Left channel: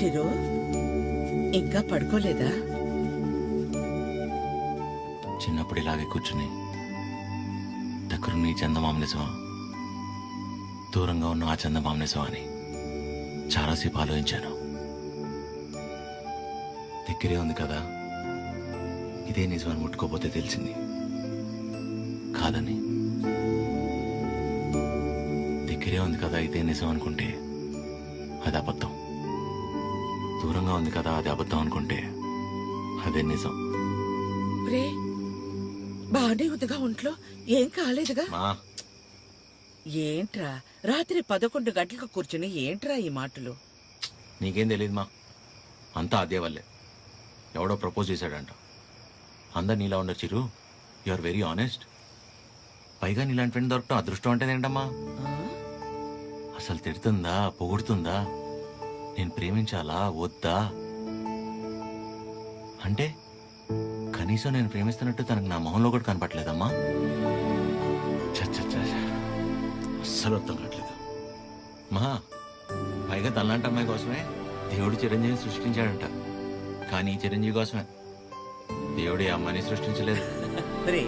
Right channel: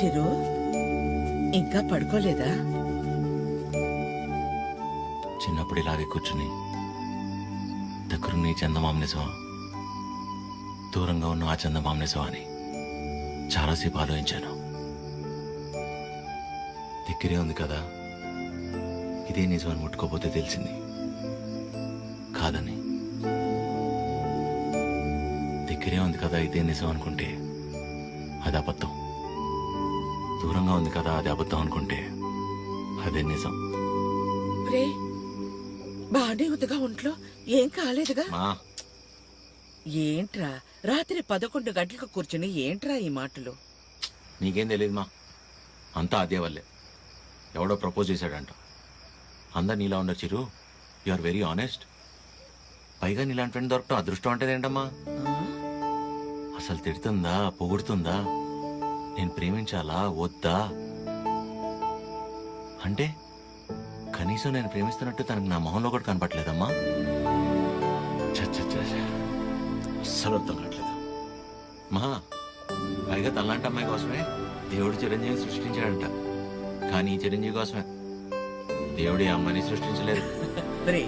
చిరు ఇంకా పడుకోలేదా? చిన్నప్పుడు ఇలాగే కూర్చుని దగ్గరున్న ఈ చందమామ నిజమా, దూరంగా ఉన్న ఆ చందమామ నిజమా అని చాలాసేపు ఆలోచించాను. దగ్గరే ఉంది కదా, ఇదే నిజమని ముట్టుకోపోతే తెలిసింది కాదని. దగ్గరే ఉంది కదా ఇదే నిజం అనుకుంటే అది అబద్ధం, దూరంగా ఉంది కదా అది అబద్ధం అనుకుంటే అదే నిజం. రే బానే ఉందిగా ఒంట్లో, ఏం కాలేదుగా? మా ఏంట్రా రాత్రి 11 గంటలకు కూర్చుని ఏంట్రా ఈ మాటలు? నీకేం తెలియదు మా, అంతా అదే వల్లే. ఎవడో ప్రపోజ్ చేశాడంట. అందరు నీలా ఉండరు చిరు, యు ఆర్ వెరీ ఆనెస్ట్. పైగా నీలాంటి ఫ్రెండ్ దొరకటం అదృష్టం అంటే ఏంటమ్మా? ఆ? అసలు తిడుతుందా పొగుడుతుందా, నేను ప్రేమించాలా వద్దా అంటే కనీసం నేను ప్రేమిస్తున్నట్టు తనకు నా మొహంలో కూడా కనపట్లేదమ్మా. చచ్చ అస్సలు అర్థం కావట్లేదు మా. పైగా తనలాంటి అమ్మాయి కోసమే దేవుడు చిరంజీవిని సృష్టించాడంట. కానీ ఈ చిరంజీవి కోసమే దేవుడు ఈ అమ్మాయిని సృష్టించలేదు. రే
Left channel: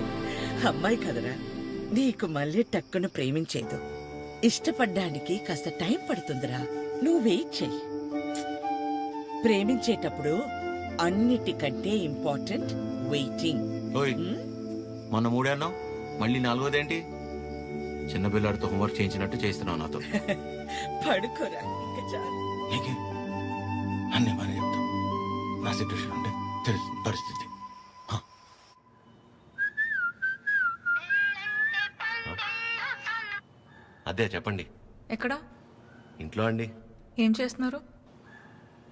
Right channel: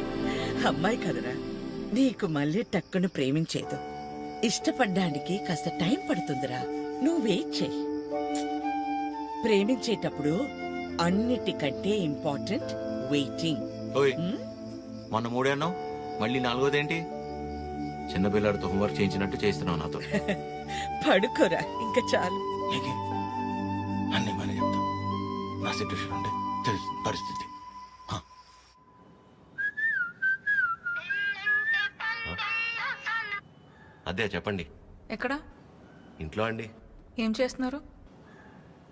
అమ్మాయి కదరా, నీకు మళ్ళీ టక్కును ప్రేమించేదు. ఇష్టపడ్డానికి కాస్త టైం పడుతుందిరా, నువ్వు వెయిట్ చెయ్యి. ప్రేమించేటప్పుడు అన్నిటికంటే ఇంపార్టెంట్ వెయిటింగ్. ఓయ్ మొన్న 3 అన్నావు, మళ్ళీ 4వదేంటి? చిన్నపిల్లాడితో హోంవర్క్ చేయించినట్టు చేస్తున్నావు నాతో. పడుకోరా ఇంకా చాలు. నీకే అన్నీ బాగానే చెప్తాం. నా సిట్యుయేషన్ అంటే తెలుస్తుంది పరిస్థితి. హ. అదే చెప్పండి. ఎక్కడ? ఇంట్లో అండి. ఏం చేస్తున్నారు?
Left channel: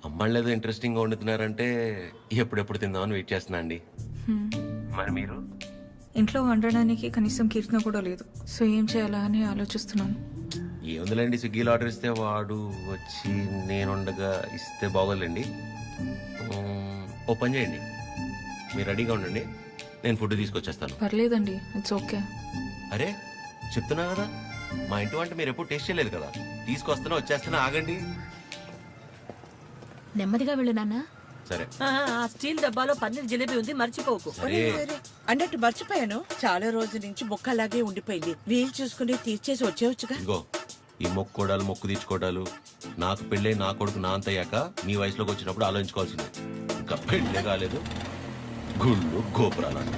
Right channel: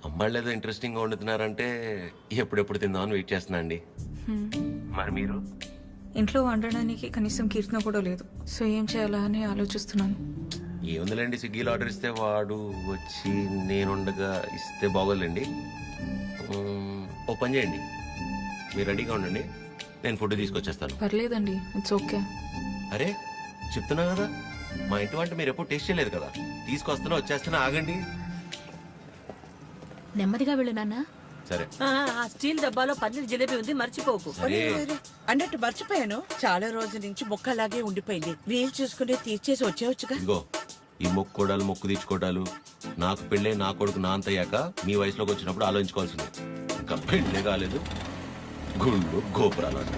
అమ్మాళ్ళు ఏదో ఇంట్రెస్టింగ్గా వండుతున్నారంటే ఎప్పుడెప్పుడు తిందామని వెయిట్ చేస్తున్నా అండి. మరి మీరు? ఇంట్లో వండడానికి కనీసం కీర్తన కూడా లేదు, సో ఏం చేయాలా అని ఆలోచిస్తున్నాను. ఏముందిలేండి, స్విగ్గీలో ఆర్డర్ ఇస్తే వాడు వచ్చి నేనుండగా ఇస్తే బాగోదులేండి. ఓ పని చేయండి, మీరు రెడీగా ఉండండి, నేను ఫుడ్ తీసుకొచ్చేస్తాను. పర్లేదండి, ఇట్స్ ఓకే. అరే చెప్తున్నా కదా, మా ఇంటి వంట మీరు ఎప్పుడు టేస్ట్ చేయలేదు కదా, తీసుకొస్తున్నా వచ్చేస్తున్నా, ఆగండి. నెమ్మదిగా వెళ్ళు నాన్న. సరే. ఆ స్టీల్ డబ్బాలో పన్నీర్ జిలేబీ ఉంది, మర్చిపోకు. సరే. అన్నట్టు మర్చిపోయాను, చాలా రోజుల నుంచి మొక్క అలాగే ఉండిపోయింది. వీలు చూసుకుని తీర్చేసి వచ్చేవచ్చుగా. ఇదిగో ఈ మొక్కుకోడాలు మొక్కు తీర్చుకోవడాలు నాకు పెళ్ళే నా కొడుకు నా అంతయ్యాక మీ వయసులోకి వచ్చినప్పుడు ఆలోచించుకోవాల్సింది. ఇంకా పెళ్ళే కాలేదు, గుళ్ళు గోపురాలు అంట.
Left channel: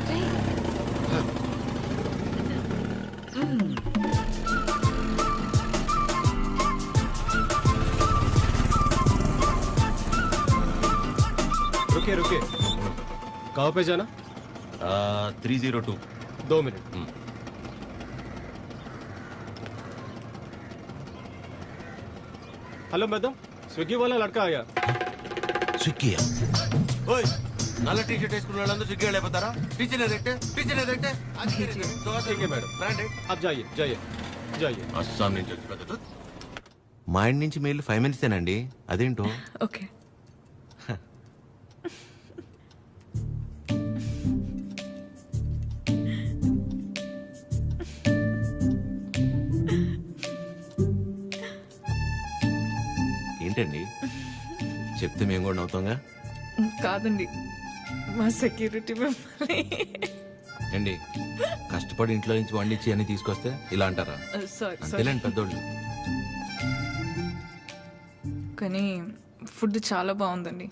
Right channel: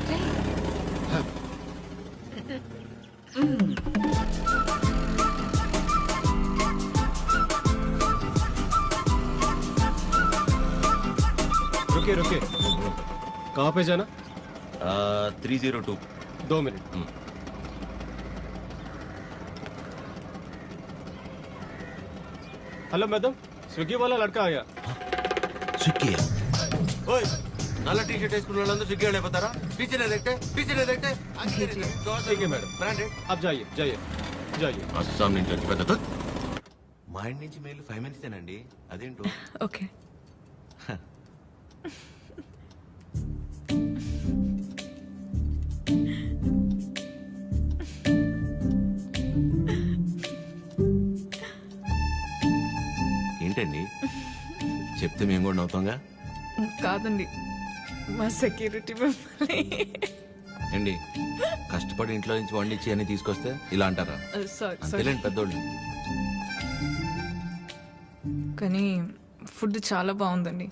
रुकिए रुकिए, कहाँ पे जाना? 302. 2 मिनट. हेलो मैडम, स्विगी वाला लड़का आया. స్విగ్గీ? ఓయ్ నల్ల టీ షర్ట్ వేసుకున్న వాళ్ళందరూ స్విగ్గీ వాళ్ళు అయిపోతారా? టీచర్ ఏదైతే ठीक है मैडम, బ్రాండెడ్. आप जाइए जाइए जाइए. అస్సాం నుంచి వచ్చి పెద్ద మా ఇంటి నుంచి మెయిల్ 5 మినిట్సేనండి, అదేంటో. ఓకే. ఏంటండి చెప్తే మేము కూడా నవ్వుతాంగా. కాదండి, మా సెక్యూరిటీ మిమ్మల్ని. ఏంటి కష్టపడి ఇంట్లో నుంచి వండించి అన్ని తీసుకొస్తే ఇలా అంటారా? సారీ అంతేలేండి పెద్దోళ్ళు. కానీ ఫుడ్ చాలా బాగుందండి,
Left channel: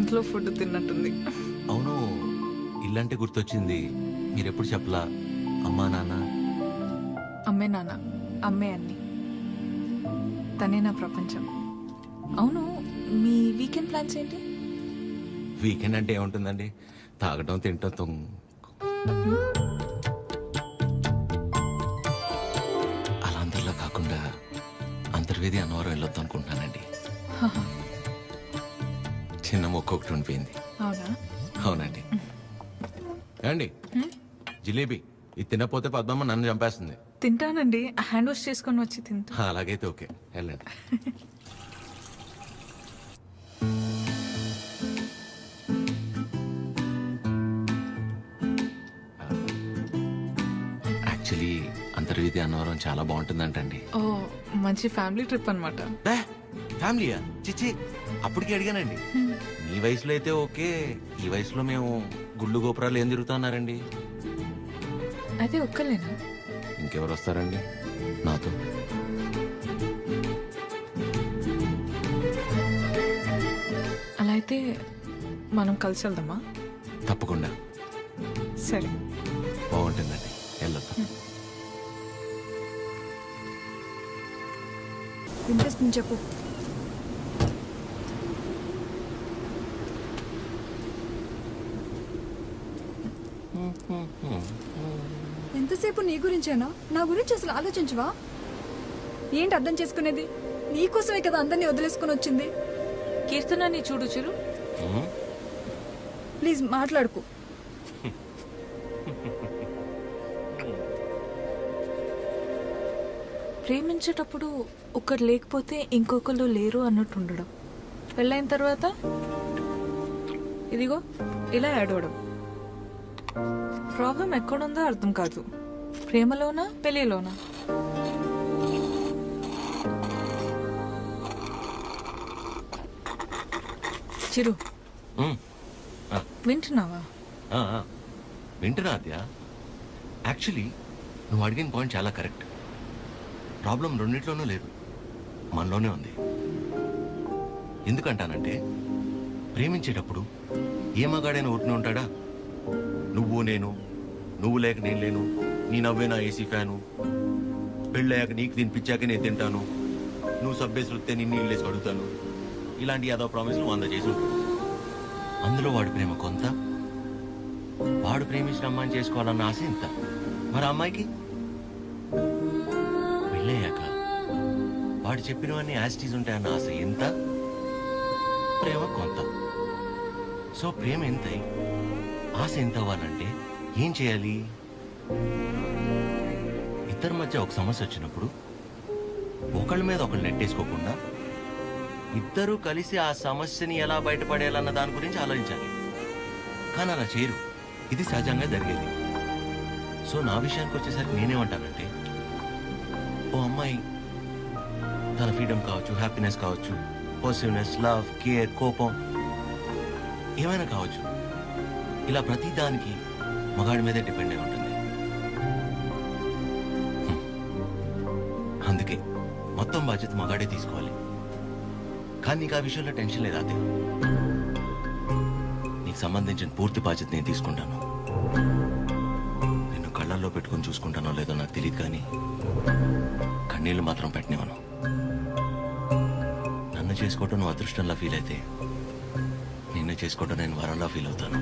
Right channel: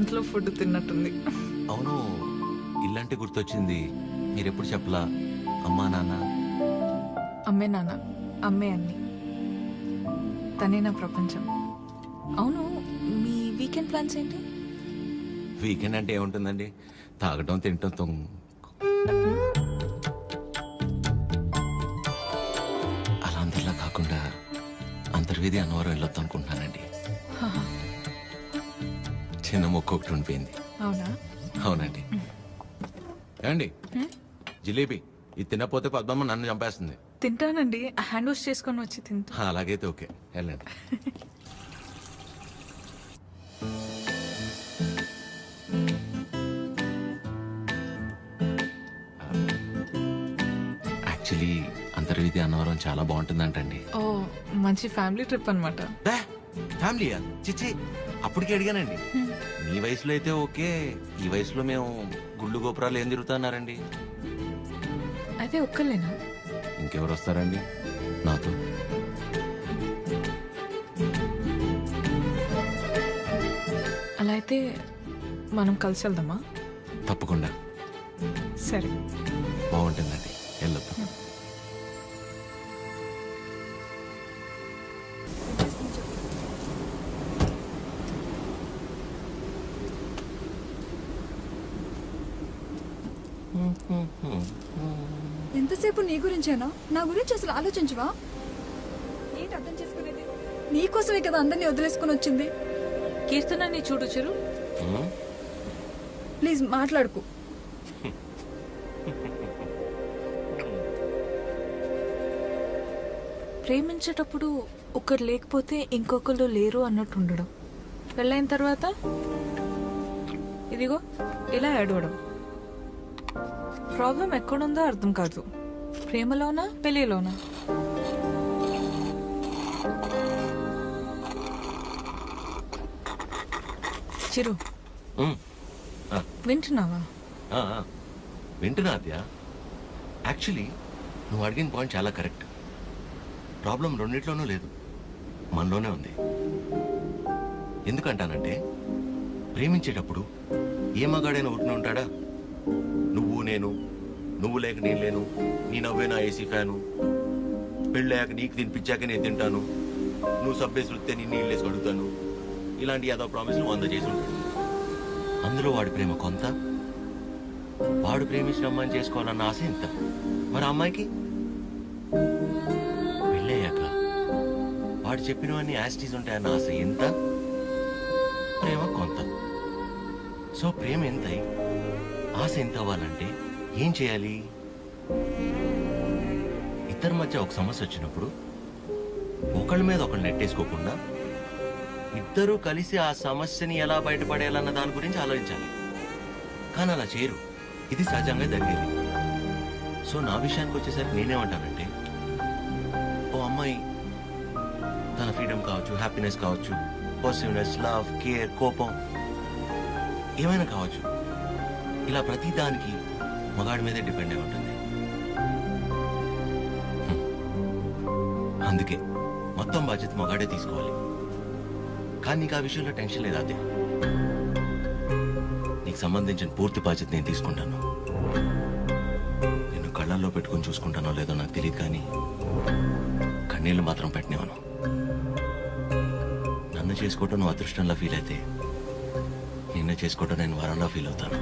ఇంట్లో ఫుడ్ తిన్నట్టుంది. అవును, ఇల్లంటే గుర్తొచ్చింది, మీరెప్పుడు చెప్పలా అమ్మా నాన్న? అమ్మే నాన్న, అమ్మే అన్ని, తనే నా ప్రపంచం. అవును, మీ వీకెండ్ ప్లాన్స్ ఏంటి? వీకెండ్ అంటే ఏముంటుందండి, తాగటం తినటం అలా అందరిలా కాకుండా అంతర్వేది అన్నవరం వెళ్ళొద్దాం అనుకుంటున్నానండి. చిన్న మొక్క ఒకటి ఉండిపోయింది. అవునా? అవునండి. ఏమండి జిలేబీ ఇది తినకపోతే పద్మమ్మ నన్ను చంపేస్తుంది. తింటానండి, హ్యాండ్ వాష్ చేసుకొని వచ్చి తింటా. అలాగైతే ఓకే, వెళ్ళండి. యాక్చువల్లీ అంతర్వేది అన్నవరం చాలా బాగుంటుందంటండి. ఓ, మంచి ఫ్యామిలీ ట్రిప్ అనమాట. ఫ్యామిలీయా? చిచ్చి, అప్పటికి అడిగానండి. మీ వయసులో అయితే ఓకే, ఈ వయసులో మేము గుళ్ళు గోపురాలు ఏం తిరుగుతున్నారండి? అయితే ఒక్కలేనా? ఇంకెవరు వస్తారండి నాతో? అలా అయితే మనం కలిసి వెళ్దామా? తప్పకుండా సరే. బాగుంటుందండి, వెళ్ళొద్దాం. వినిపిస్తుంది, చెప్పు. ఎంతసేపు నీ గురించేనా? నా గురించి అసలు ఆలోచించవా? ఏంటి అర్థం చేసుకునేది? నీకోసమే కదా అందరినీ వదిలేసుకుని వచ్చింది. కీర్తనాన్ని చూడు చిరు. ప్లీజ్ మాట్లాడుకు. ప్రేమించేటప్పుడు ఒకరు లేకపోతే ఇంకొకరు లేరు అన్నట్టు ఉండడం, పెళ్ళైన తర్వాత ఇదిగో ఇలా ఏడవడం. ప్రాబ్లం ఎక్కడుందో అర్థం కాదు, ప్రేమలోనా పెళ్ళిలోనా? చిరు, ఉమ్, ఆ, వింటున్నావా? ఆ, ఆ. వింటున్నా అద్య. యాక్చువల్లీ నువ్వు అడిగిన పాయింట్ చాలా కరెక్ట్. ప్రాబ్లం రెండిట్లోనూ లేదు, మనలోనే ఉంది. ఎందుకంటానంటే ప్రేమించేటప్పుడు ఏ మగాడైనా ఊరికనే ఉంటాడా? నువ్వు నేను, నువ్వు లేక నేను లేను, నీ నవ్వే నా ఏసీ ఫ్యాను, పెళ్ళయ్యాక నీకు తినిపించాక నేను తింటాను, నువ్వు సబ్బేసి వృత్తే నిన్ను ఇల్లేసి అడుగుతాను, ఇలాంటి యాదవ ప్రామిస్లు 100 చేసి ఉంటాడు. అందులో వాడి ప్రేమ కొంత, వాడు ప్రేమించిన అమ్మాయిని చేసుకోవాలన్న ఆశ ఇంత. మరి ఆ అమ్మాయికి పెళ్ళయ్యాక వాడు చెప్పినవన్నీ యాస్టీస్ ఉంటాయన్న ఆశ ఎంత, ప్రేమ కొంత. సో ప్రేమ ఎంతై ఆశ ఎంత అవ్వాలంటే ఏం చేయాలి? ఇద్దరి మధ్య ఒక సమస్య వచ్చినప్పుడు ఒకళ్ళ మీద ఒకళ్ళు నెట్టేసుకోకుండా ఇద్దరూ కలిసి ఆ సమస్యని ఎలా బయటపడేయాలన్న దాని గురించి ఆలోచించాలి. కానీ అలా చేయరు, ఇది సహజంగా జరిగేది. సో నా విషయానికి వచ్చేసరికి నేనేమంటానంటే, ఓ అమ్మాయి తన ఫ్రీడమ్ కావచ్చు, హ్యాపీనెస్ కావచ్చు, పాజిటివ్నెస్, లవ్, కేర్, కోపం ఏమైనా కావచ్చు, ఇలా ప్రతి దానికి మగాడి మీదే డిపెండ్ అయి ఉంటుంది. అందుకే మొత్తం బాధ్యత మగాడే తీసుకోవాలి. కానీ నీకు ఆ విషయంలో టెన్షన్ లేదా అదే? నీకు సంబంధించిన పూర్తి బాధ్యత నేను తీసుకుంటాను. నిన్ను కళ్ళల్లో పెట్టుకుని చూసుకుంటానో లేదో నాకు తెలియదు, కానీ కన్నీళ్లు మాత్రం పెట్టనివ్వను. నన్ను చేసుకోవటం నువ్వు అదృష్టంలా ఫీల్ అయితే, నిన్ను చేసుకోవటం నేను వరంలా ఫీల్ అవుతాను.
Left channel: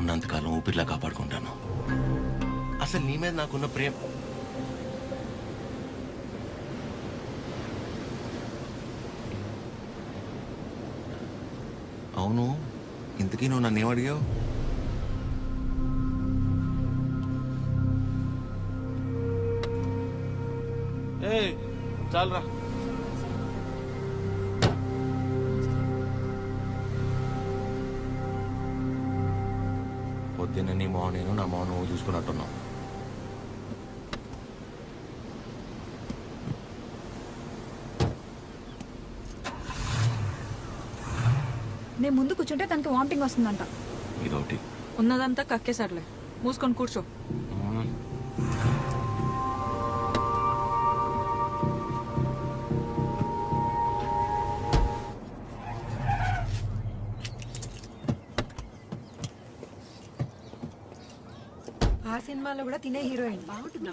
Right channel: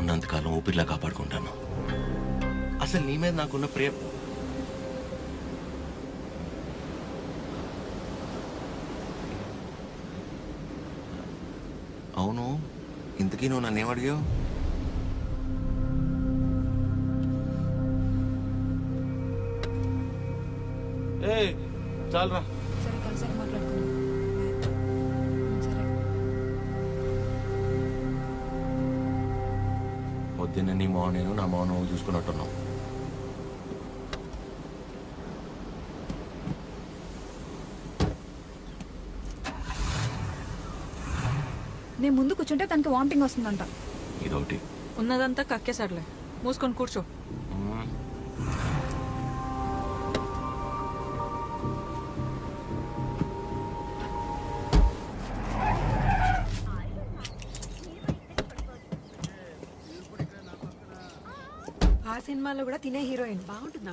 ఉన్నంతకాలం ఊపిరిలా కాపాడుకుంటాను. అసలు నీ మీద నాకున్న ప్రేమ అవును. ఇంతకీ నువ్వు నన్ను ఏమడిగావు? చాలరా. సరే, కలిసి మాట్లాడుకుందాం. సరే. పొద్దున్న నీ మోహన్ నేను, నా మోహన్ నువ్వు చూసుకున్నట్టున్నావు. నేను ముందు కూర్చుంటే తనకి వామిటింగ్ వస్తుందంట. ఇదొకటి. ఉన్నదంతా కక్కేసాడులే, మూసుకొని కూర్చో. ఆ సినిమాలో కూడా తినే హీరోయిన్ బాగుంటుందా?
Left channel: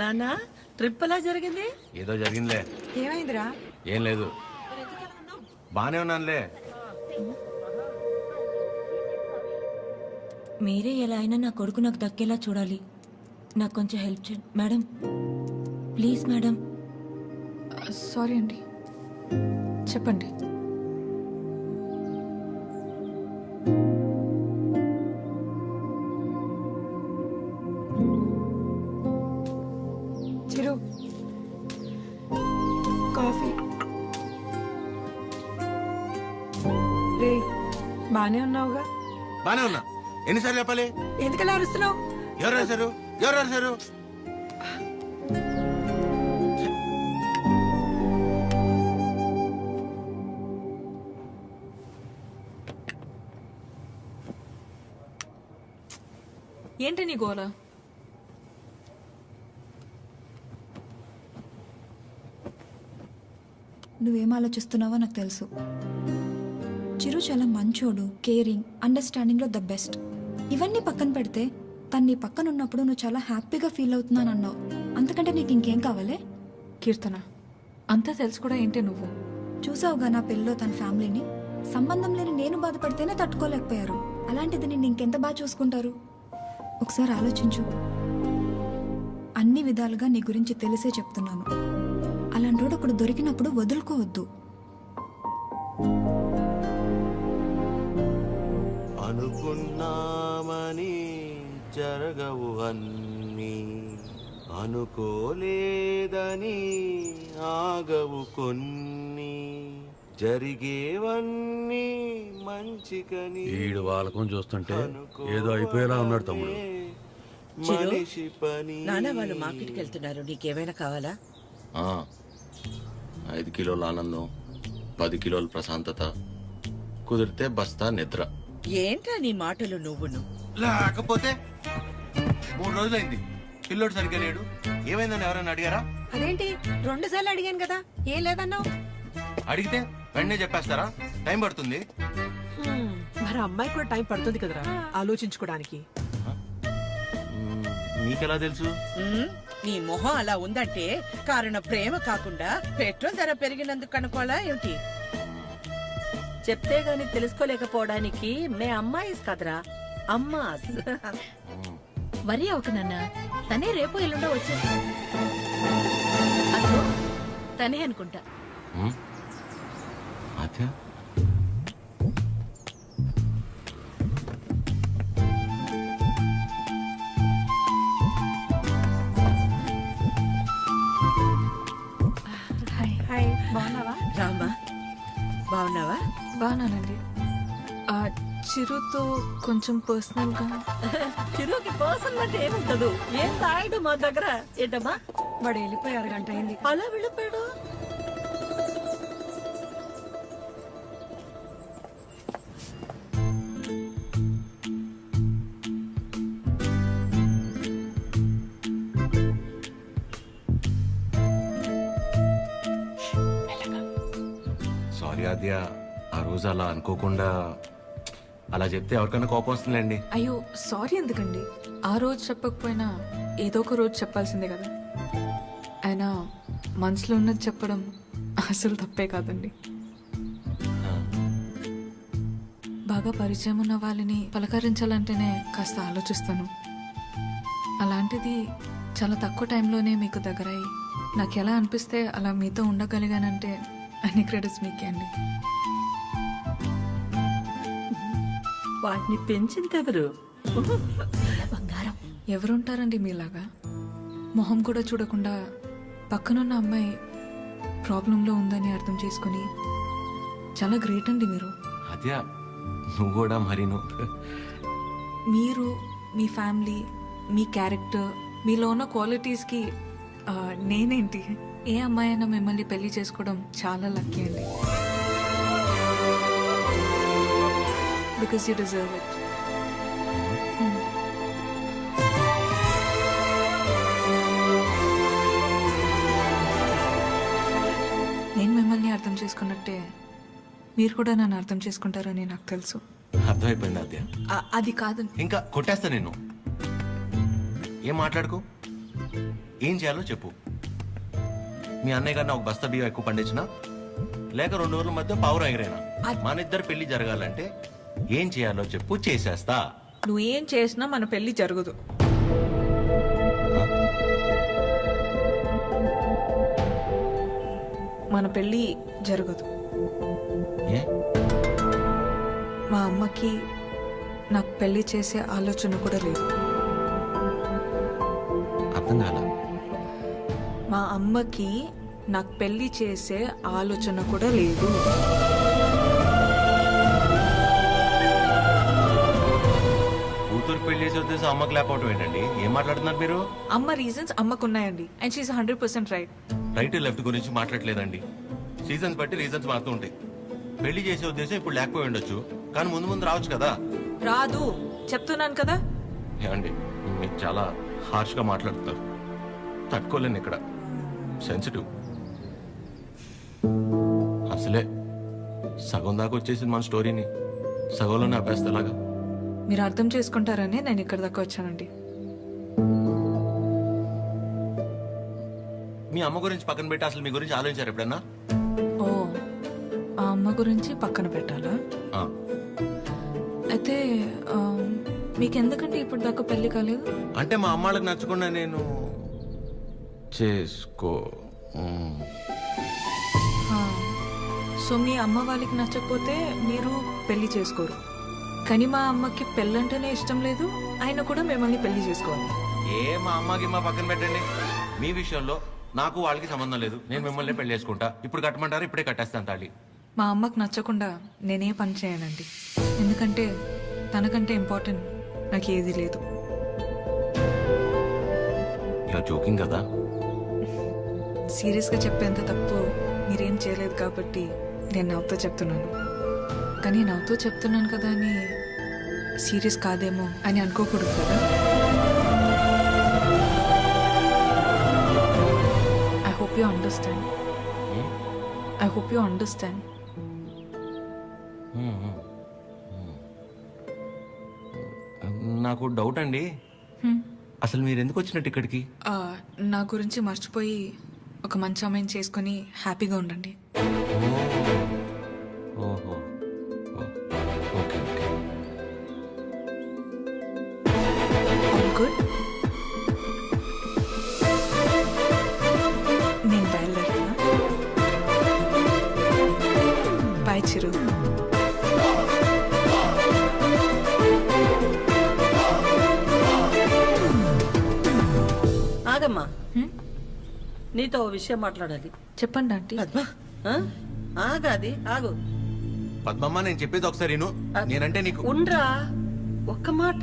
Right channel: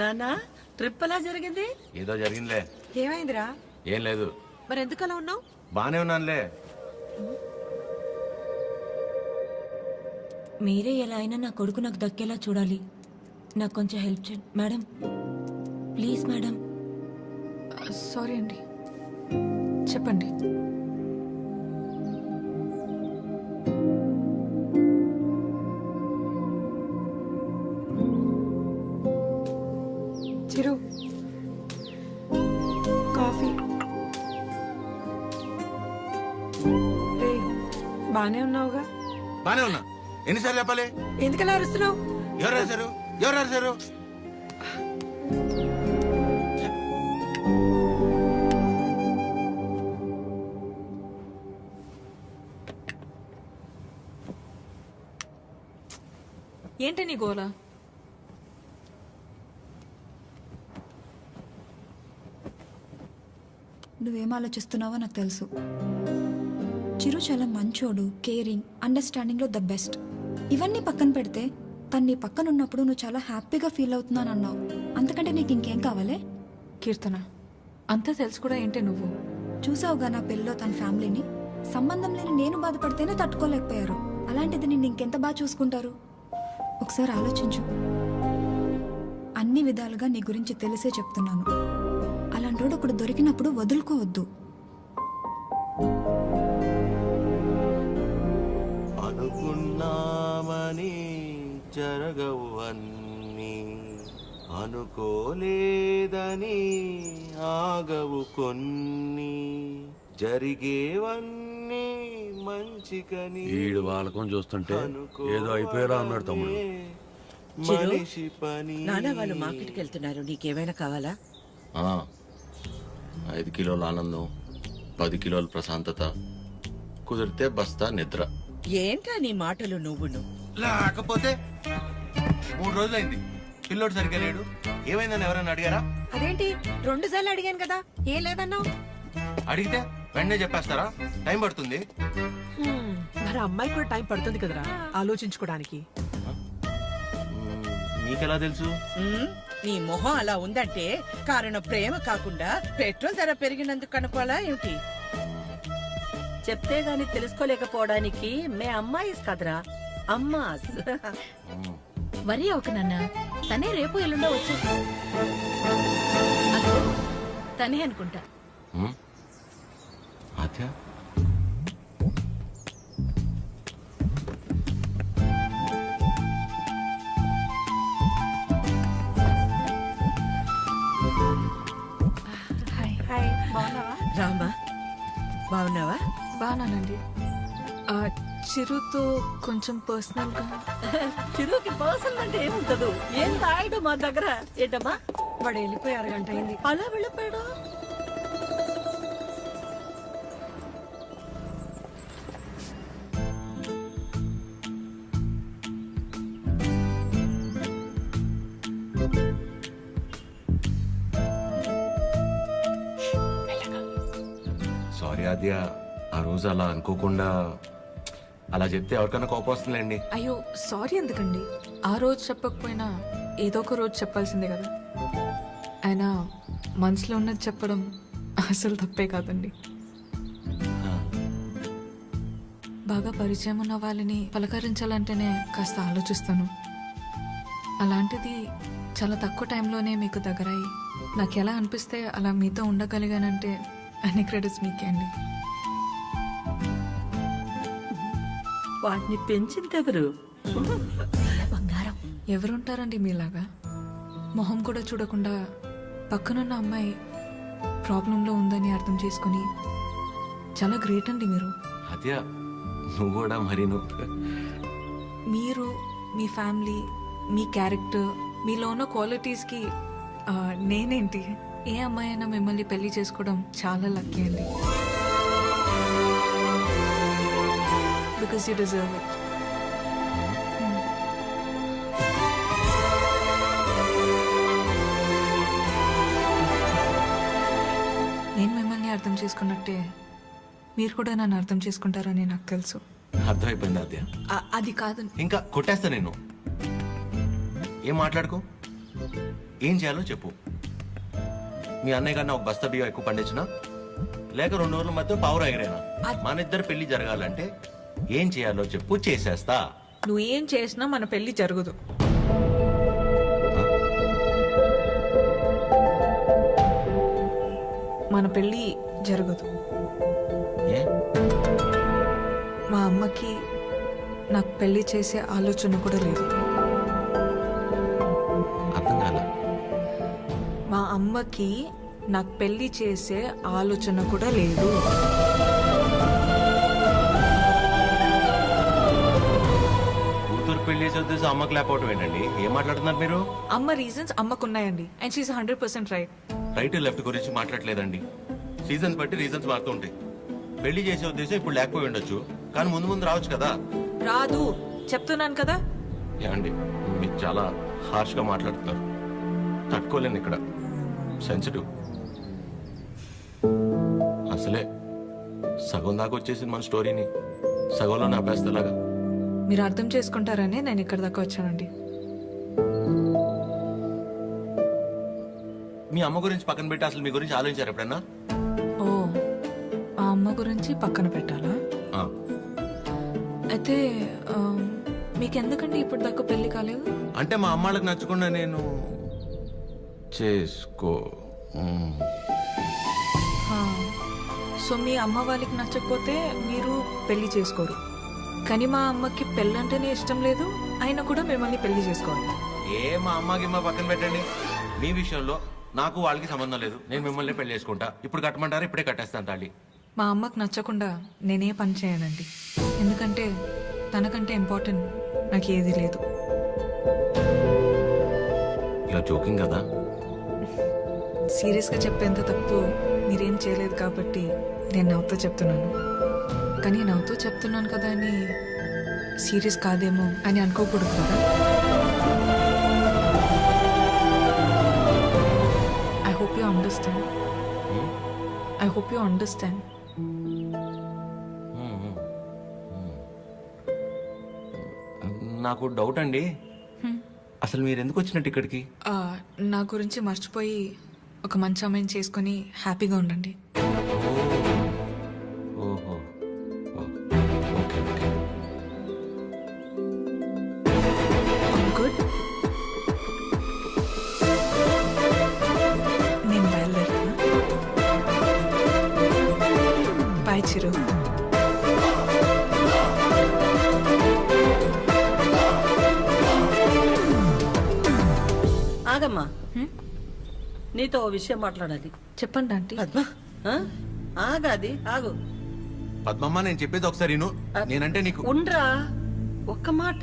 నానా ట్రిప్ ఎలా జరిగింది? ఏదో జరిగిందిలే. ఏమైందిరా? ఏం లేదు, మరి ఎందుకు అలా ఉన్నావు? బానే ఉన్నానులే. మీరే ఎలా అయినా నా కొడుకు నాకు దక్కేలా చూడాలి. నాకు కొంచెం హెల్ప్ చేయండి మేడం, ప్లీజ్ మేడం. సారీ అండి, చెప్పండి. చిరు, కాఫీ. రే, బానే ఉన్నావుగా? బానే ఉన్నా. ఎన్నిసార్లు చెప్పాలి? ఎందుకలా అరుస్తున్నావు? ఎవరు రాశారు? ఎవరు రాశారు? ఏంటి నీ గోల? నువ్వేం ఆలోచిస్తున్నావో నాకు తెలుసు. చిరు చాలా మంచోడు, కేరింగ్, అండర్స్టాండింగ్లో ద బెస్ట్. ఇవన్నీ పక్కన పెడితే తను నీ పక్కన ఉన్నప్పుడు నువ్వు చాలా హ్యాపీగా ఫీల్ అవుతున్నాను అన్నావు. అంతకంటే నీకు ఇంకేం కావాలే? కీర్తన, అంతా తెలుసు కూడా ఏంటి నువ్వు? చూసావుగా నా పెళ్ళిలో తన ఫ్యామిలీని. సంబంధం లేని నేను బాధపడితేనే తట్టుకోలేకపోయారు. అలాంటిది నిన్ను ఇంకెంత బాగా చూసుకుంటారు? ఒకసారి ఆలోచించు. అన్ని విధాలుగా నీ గురించి తెలిసే చెప్తున్నాను. అలాంటోడు ఒకడు దొరికినప్పుడు వదులుకోవద్దు. అనుకున్నామని జరగవు అన్నీ, అనుకోలేదని ఆగవు కొన్ని, జరిగేవన్నీ మంచికని. ఈడు వాళ్ళకం చూస్తుంటే ఏదో అయిపోయేలా ఉన్నాడు తమ్ముడు. మనిషి పని. నాన్న వాళ్ళు మార్కెట్కి వెళ్తున్నారు, నీకేమైనా కావాలా? 5 కిలోల ఆనందం, 10 కిలోల ప్రశాంతత, కుదిరితే బస్తా నిద్ర. ఏంట్రా నీ మాటలు నువ్వును? లేకపోతే 3 రోజులైంది పిల్లోడు సరిగ్గా లేడు. ఏమైందని ఎవరైనా అడిగారా? అదేంటి 2 సార్లు అడిగాను కదా, ఏం లేదన్నావు. అడిగితే వెంటనే చెప్పేస్తారా? టైం పడుతుంది. మరి అమ్మాయి కూడా టైం పడుతుంది కదరా ఆలోచించుకోవడానికి. మీకెలా తెలుసు? నీ మొహం అలా ఉందంటే కారణం ప్రేమ కాకుండా పెట్రోల్ ధర పెరిగినందుకు అనుకోవాలా ఏమిటి? చెప్తే గాని తెలుసుకోలేకపోవడానికి మే అమ్మాయిస్ కదరా, అమ్మాస్. వరి ఒక నాన్న, తనే రేపు ఎల్లుండో వచ్చేది. అదో తనే అనుకుంటా. ఆద్య, హాయ్, బాగున్నావా? రామా, బాగున్నావా? బాగున్నానండి. చిరుతో కొంచెం పర్సనల్గా. చిరుకి పర్సనల్ అంటే ఏముంటదు? ఏం తాగడు మా దగ్గర. ఏంటమ్మా? వాడు వెళ్ళిపోయి 6 గంట అయింది. అలా వెళ్ళిపోయాడు. సారీ ఆద్య, ఆ రోజు అలా అనుకోకుండా అలా చెప్తే ఎవరికైనా కోపం వస్తుందండి. అయ్యో సారీ ఎందుకండి? ఆ రోజు చెప్పకపోయినా ఏదో ఒక రోజు చెప్పాల్సిందే కదా. అయినా మనసులో ఉన్నది చెప్పడం అసలు తప్పే కాదండి. బాగా పరిచయం ఉన్న వాళ్ళని పలకరించాలంటేనే కాస్త ఆలోచిస్తాను. అలాంటిది చాలా తక్కువ టైంలోనే మీకు దగ్గరయ్యి నాకు ఎలా అనిపిస్తే అలా మీతో ఉండగలిగానంటే అన్ని క్రెడిట్స్ మీకే అండి. వాటిని పెంచిందెవరు? బంగారం. ఎవరుంటారండి మీలాగా? మొహం కూడా చూడకుండా పక్కనున్న అమ్మాయి ప్రాబ్లంలో ఉందని అర్థం చేసుకొని చాలా గ్రేట్ అండి మీరు. ఆద్య, నువ్వు కూడా మరి మీరు, మీ ఫ్యామిలీ, మీ క్యారెక్టర్, మీలో ఉన్న క్వాలిటీస్కి నేనేంటి? ఏ అమ్మాయి అయినా మిమ్మల్ని పెళ్లి చేసుకోవడం చాలా లక్కీ అండి. Because you deserve it. నేను మిమ్మల్ని అర్థం చేసుకున్నట్టే మీరు కూడా నన్ను అర్థం చేసుకుంటారని నాకు తెలుసు. అర్థమైపోయింది ఆద్య. అది కాదు. ఇంకా కొట్టేస్తా నేను. ఏం మాట్లాడుకో, ఏం చేయాలో చెప్పు. మీ అన్నయ్య కన్నా ఒక బస్తా బియ్యం ఎక్కువ పండించినా, లేక 2 రోజుల మధ్య పావురం ఎగిరేనా, మన ఇద్దరు పెళ్లి జరగాలంటే ఏం చేయాలో చెప్పు, చేసేస్తా. నువ్వేం చేసినా మన పెళ్లి జరగదు. మన పెళ్ళి జరగదు. ఏ? మా అమ్మకి నాకు పెళ్లి చేసే ఆలోచన కూడా లేదు. అర్థం కాల. మా అమ్మకి నాకు పెళ్లి చేసే ఆలోచన కూడా లేదు. కూతురు పెళ్లి చేసే ఉద్దేశం అమ్మకి లేకపోవటం ఏంటండి? ఏం మాట్లాడుతున్నారు మీరు? అమ్మ రీజన్స్ అమ్మకున్నాయండి. And she is 100% right. Right left గురించి మాట్లాడలేదండి. సీజన్స్ బట్టి రీజన్స్ మారుతూ ఉంటాయి. పెళ్లి చేసే ఉద్దేశం ఇప్పుడు లేకపోయి ఉండొచ్చు, కానీ ముందు ముందు రావచ్చు కదా. రాదు చెప్తున్నాను కదా. ఏమండి, మీరు చాలా హార్ష్గా మాట్లాడుతున్నారు. తట్టుకోలేను ఇక్కడ. సెన్సిటివ్. అసలే సగం దాకా వచ్చేసింది మన స్టోరీని సగంలోనే ఆపేస్తేలాగా. మీరు అర్థం చేసుకుంటారని నేను ఇక్కడ దాకా వచ్చానండి. మీ అమ్మ గురించి పక్కన పెట్టి అసలు మీ గురించి ఆలోచించారు ఎప్పుడన్నా? ఓ, ఆ అమ్మ గురించి పక్కన పెట్టాలా? ఆ. అయితే మీకెందుకండి ఇప్పుడు దాకా పెళ్లి కాలేదు? అంటే మా అమ్మాళ్ళకి నచ్చకుండా నేను చేసుకో. సో మీ అమ్మ వాళ్ళకి నచ్చకపోతే మీరు పెళ్లి చేసుకోరు. కానీ మా అమ్మకి పెళ్ళంటేనే ఇష్టం లేదు, ఆయన కూడా మిమ్మల్ని పెళ్లి చేసుకోవాలి. మా అమ్మకి మా పక్కన పెట్టండి. మీ విషయంలో నాకు వాళ్ళకి సంబంధం లేదు. నేను మిమ్మల్ని పెళ్లి చేసుకుంటా. ఇప్పుడు కట్టమంటారా? ఇప్పుడే కట్టేస్తాను తాళి. మా అమ్మకు నచ్చకుండా నేనే పని చేయనండి. ఎందుకంటే తనకంటే ఇంపార్టెంట్ నాకు ఏది లేదు. ఇలా జోకింగ్ కదా? సీరియస్గా చెప్పేంత తప్పు మీరేం చేయలేదు కాబట్టి నేను నవ్వుతూ చెప్తున్నాను. కానీ నవ్వుతూ చెప్తున్నాను కదా అని సీరియస్ కాదేమో అని అనుకోకూడదు కదా. I hope you understand. I hope you understand. నాకు డౌట్ అండి. అసలు మీరు ఎందుకు వచ్చినట్టు ఇక్కడికి? నా గురించి మర్చిపోయి ఒక మంచి అమ్మాయిని చేసుకొని హ్యాపీగా ఉండండి. ఓహో, ఓకే ఓకే. All good. నేను బయలుదేరుతున్నా. బాయ్ చిరు. ఆగమ్మా, నీతో ఓ విషయం మాట్లాడాలి. చెప్పండి ఆంటీ. పద్మ, ఆగాది ఆగు. పద్మమ్మ, నేను చెప్పేది ఒకసారి విను. నేనంటే నీకు ఉండ్రా, ఒక్క మాట.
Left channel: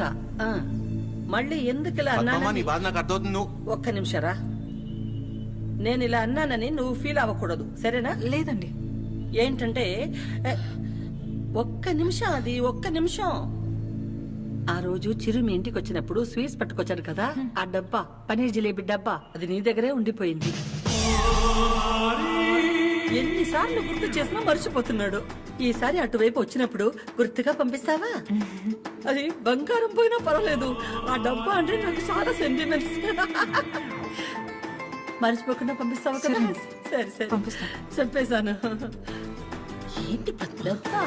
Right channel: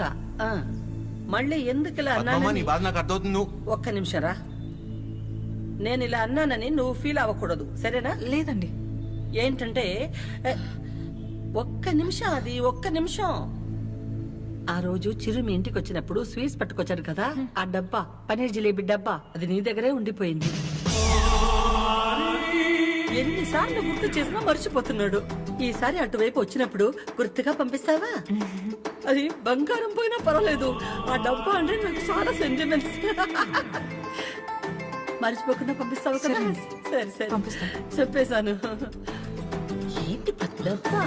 మళ్ళీ ఎందుకు ఇలా పద్మమ్మ, నీ అన్నానని బాధ నాకు అర్థమవుతుంది. నువ్వు ఒక్క నిమిషం రా. నేను ఇలా అన్నానని నువ్వు ఫీల్ అవ్వకూడదు, సరేనా? లేదండి. ఏంటంటే ఒక్క నిమిషం, అది ఒక్క నిమిషం. ఆ రోజు చిరు మీ ఇంటికి వచ్చినప్పుడు స్వీట్స్ పట్టుకొచ్చాను కదా, ఆ డబ్బా, పనీర్ జిలేబీ డబ్బా, అది నీ దగ్గరే ఉండిపోయింది. ఎన్నిసార్లు గుర్తు చేసినా మర్చిపోతున్నాడు. ఈసారి అటువైపు వచ్చినప్పుడు గుర్తుగా పంపిస్తావా? అది బంగారం పోయినా పర్వాలేదు, ఆ డబ్బా అంటే నాకు చాలా సెంటిమెంట్స్. మర్చిపోకుండా పంపిస్తావా కదా? సరే సరే పంపిస్తా. చెప్పేశాను. ఏంటి పద్మ? డబ్బా